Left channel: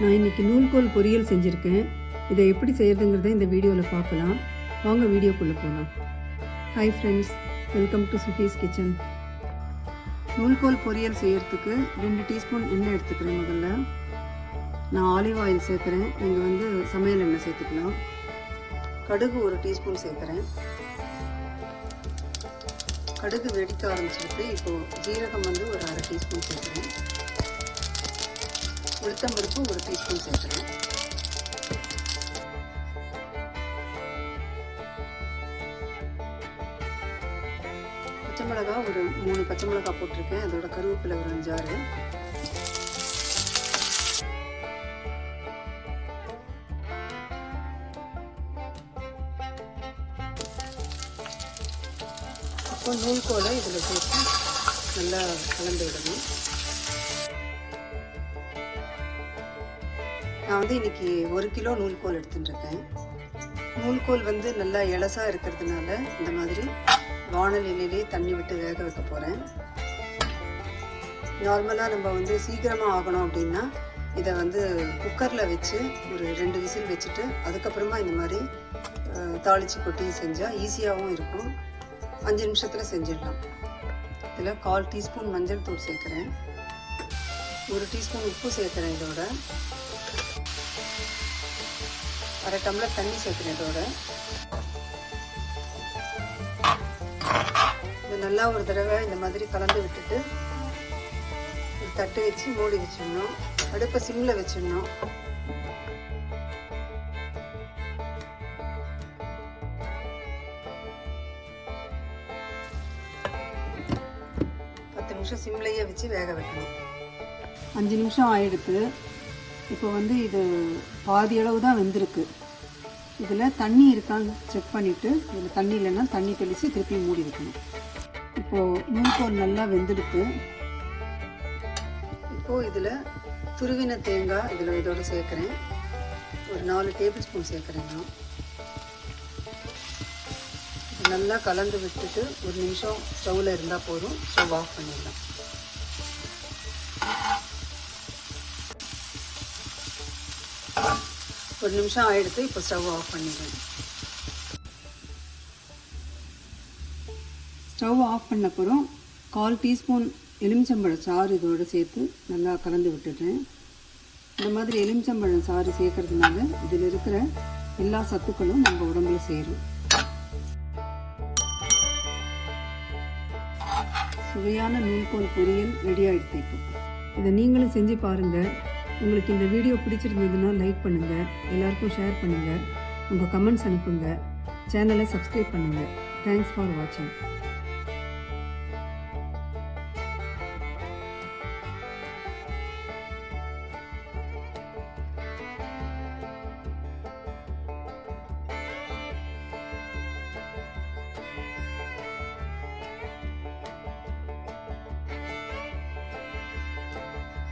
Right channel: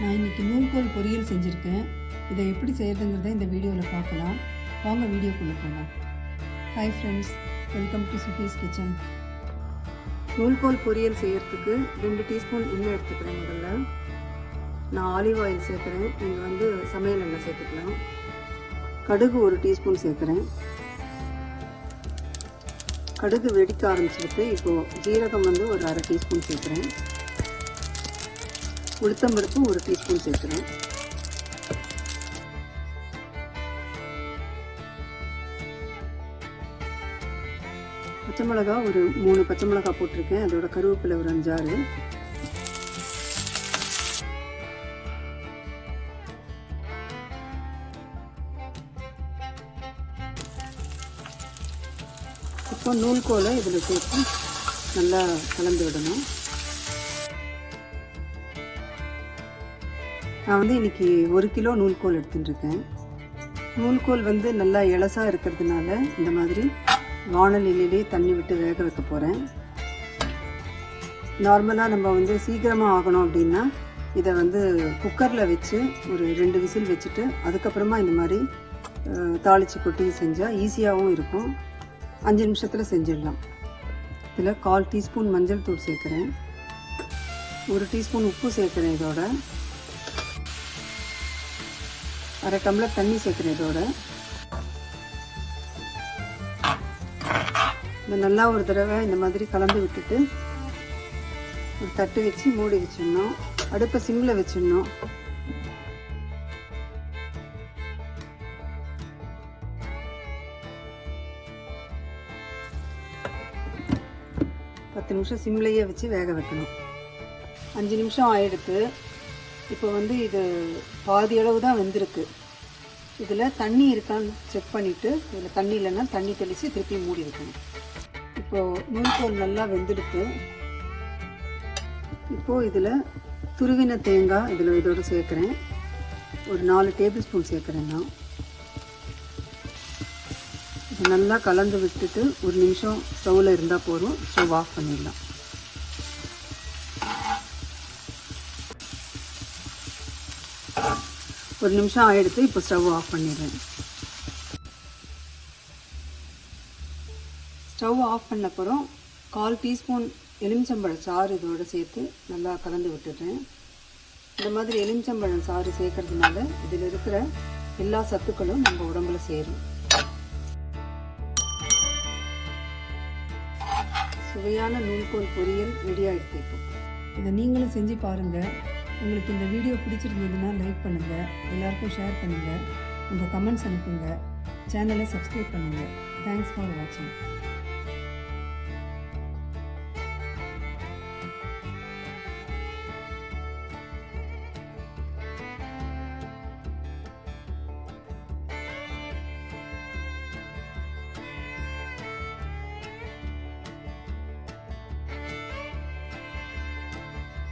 நான் இன்றைக்கி நூல்கோல் பொரியல் செஞ்சுருக்கேன். இதை எப்படி செய்கிறதுங்கிறத இந்த வீடியோவில் பார்க்கலாம். வாங்க வீடியோக்குள்ளே போகலாம். Hi friends, welcome to Sukee's kitchen. நூல்கோல் பொரியல் செய்கிறதுக்கு 2 டீஸ்பூன் எண்ணெய் எடுத்துக்கிறேன். முதல்ல நான் ஆலிவ் ஆயில் சேர்க்குறேன். நீங்கள் சமையல் எண்ணெய் சேர்த்துக்கலாம். கடுகு 1 டீஸ்பூன் சேர்க்குறேன். கடுகு வெடிக்க ஆரம்பிச்சிருக்கு. இப்போது ஜீரகம் ஒரு அரை டீஸ்பூன் சேர்க்குறேன். உளுத்தம்பருப்பு 1 டீஸ்பூன் சேர்க்குறேன். பச்சை மிளகா 3 பச்சை மிளகா போட்டிருக்கேன். அதோட கருவேப்பிலை 5 ஆறு. இப்போ நூல்கோலை இதில் சேர்த்து நல்லா கலந்து விடணும். நான் இன்னைக்கு 1 கிலோ நூல்கோல் எடுத்துட்டுருக்கேன். நூல்கோல் நல்லா இலசாக இருக்கிறதுனால இந்த மாதிரி வாணலிலே தண்ணி விட்டு வேக வைக்க போகிறேன். நார்மலாக நம்ம சீக்கிரமாக ஆகணும் அப்படின்னா இதை குக்கரில் வச்சு ஒரு 2 விசில் வச்சுட்டு அதுக்கப்புறமா இந்த மாதிரி தாளித்து கொட்டி செஞ்சால் ஈஸியாகவும் இருக்கும். 5 நிமிஷத்தில் செஞ்சிடலாம். இதில் 1/4 டீஸ்பூன் மஞ்சள் தூள் சேர்க்குறேன். 1 டீஸ்பூன் உப்பு சேர்க்குறேன். இதோட அரை டம்ளர் தண்ணி சேர்க்குறேன். இதோட இது நல்லா ஒரு தடவை இந்த மாதிரி கலந்து விட்டுட்டு ஒரு தட்டு வச்சு மூடி வச்சிடணும். அடுப்பை சிம்மில் வச்சிடணும். நிமிஷம் சிம்லையே வச்சு வேக வைக்கணும். 5 நிமிஷம் ஆயிடுத்து. இப்போ இது பாதி அளவு தான் வெந்திருக்கு. இதில் தண்ணி இருக்கான்னு செக் பண்ணிவிட்டு இதில் தண்ணி இல்லைன்னா தண்ணி தெளித்து திருப்பி மூடி வைக்கணும். இப்போது நூல்கோல் நல்லா வெந்துடுத்து. இப்போது இதில் துருவின தேங்காய் இதோட சேர்க்குறேன். ஒரு 4 டேபிள் ஸ்பூன் சேர்க்குறேன். நான் இது நல்லா கலந்து விட்டுட்டு 1 நிமிஷம் ஸ்டவ்வில் இருந்தால் போதும். ஸ்டவ் ஆஃப் பண்ணிடலாம். ஒரு நிமிஷம் ஆகிடுத்து. இப்போ ஸ்டவ் ஆஃப் பண்ணிடுறேன். ஸ்டவ் ஆஃப் பண்ண அப்புறம் 1/4 டீஸ்பூன் எலுமிச்சம்பழம் சாறு இதோடு சேர்த்து நல்லா கலந்து விட்டுடுறேன். இந்த மாதிரி எலுமிச்சம்பழம் சாறு சேர்க்கறதுனால இதில் இருக்கிற எல்லா சத்துக்களும் நம்ம உடம்புல சேரும். சுவையான நூல்கோல் பொரியல் ரெடி ஆகிடுது. இப்போ இதை நீங்களும் செஞ்சு பாருங்கள். உங்களுக்கு இந்த வீடியோ பிடிச்சிருந்ததுன்னா லைக் பண்ணுங்கள், எல்லாருக்கும் ஷேர் பண்ணுங்கள், உங்கள் கமெண்ட்ஸ் அனுப்புங்க, சேனலை சப்ஸ்கிரைப் பண்ணுங்கள். தேங்க்ஸ் ஃபார் வாட்சிங்.